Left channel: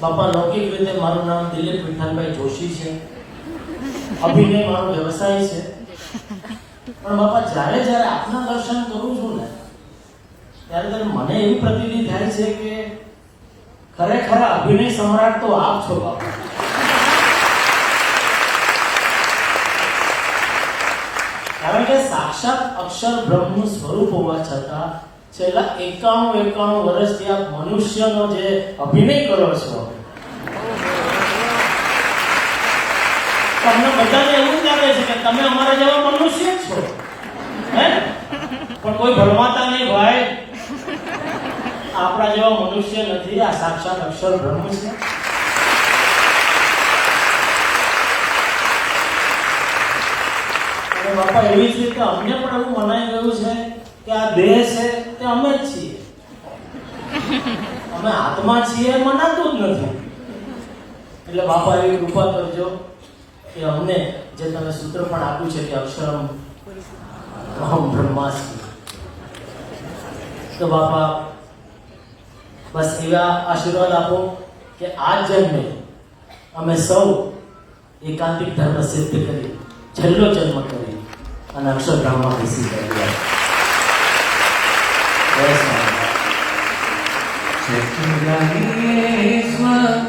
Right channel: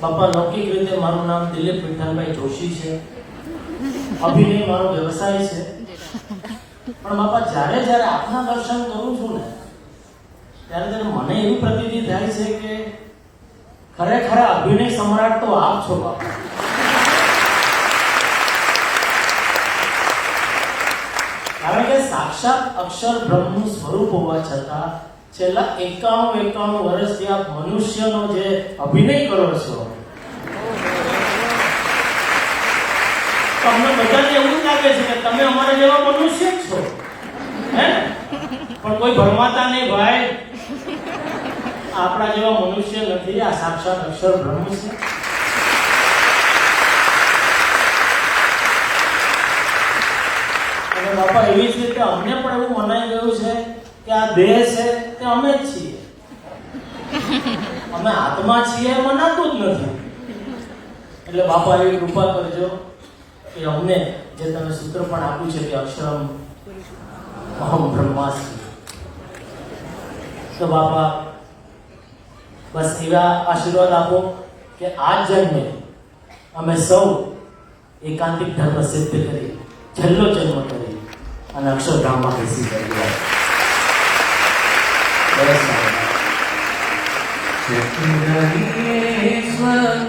બાપા લૌકિક રીતે મારું નામ દિલીપ વિઠ્ઠલભાઈ જોશી છે અભિનય મારો વ્યવસાય છે પણ બાપા જ્યારે જ્યારે આપના દર્શન કરું છું ને ત્યારે ત્યારે મને એવી પ્રતિતિ થાય છે કે ખરેખર અભિનય સમ્રાટ તો આપ છો બાપા કારણ કે સાક્ષાત અક્ષર બ્રહ્મનું સ્વરૂપ હોવા છતાં છેલ્લા એકાણું એકાણું વર્ષથી આ મનુષ્યનો જે અભિનય કરો છો તમને બધાને એવું લાગે છે કે તમે અમારા જેવા મનુષ્ય જ છો હે પણ કોઈ ભરમાતા નહીં ભાઈ આપણા જેવા મનુષ્ય નથી આ સાક્ષાત અક્ષર બ્રહ્મ છે અને બાપા એવી જ રીતે અમને પણ એવું મનાઈ ગયું છે કે આ દેહ છે અમે છીએ અમે આત્મા છીએ મનાતું જ નથી એટલે બાપા એવી કૃપા કરજો કે અમને જે તમે સૂત્ર પણ આપ્યું છે કે અક્ષરમ અહમ બ્રહ્માસ્મી તો બાપા બસ એવા આશીર્વાદ આપો કે આ જન્મે અમે સૌ એકાંતિક ધર્મ સિદ્ધ કરી છેલ્લો જન્મ કરી અને અક્ષરધામમાં બેસી ગયા Thank you.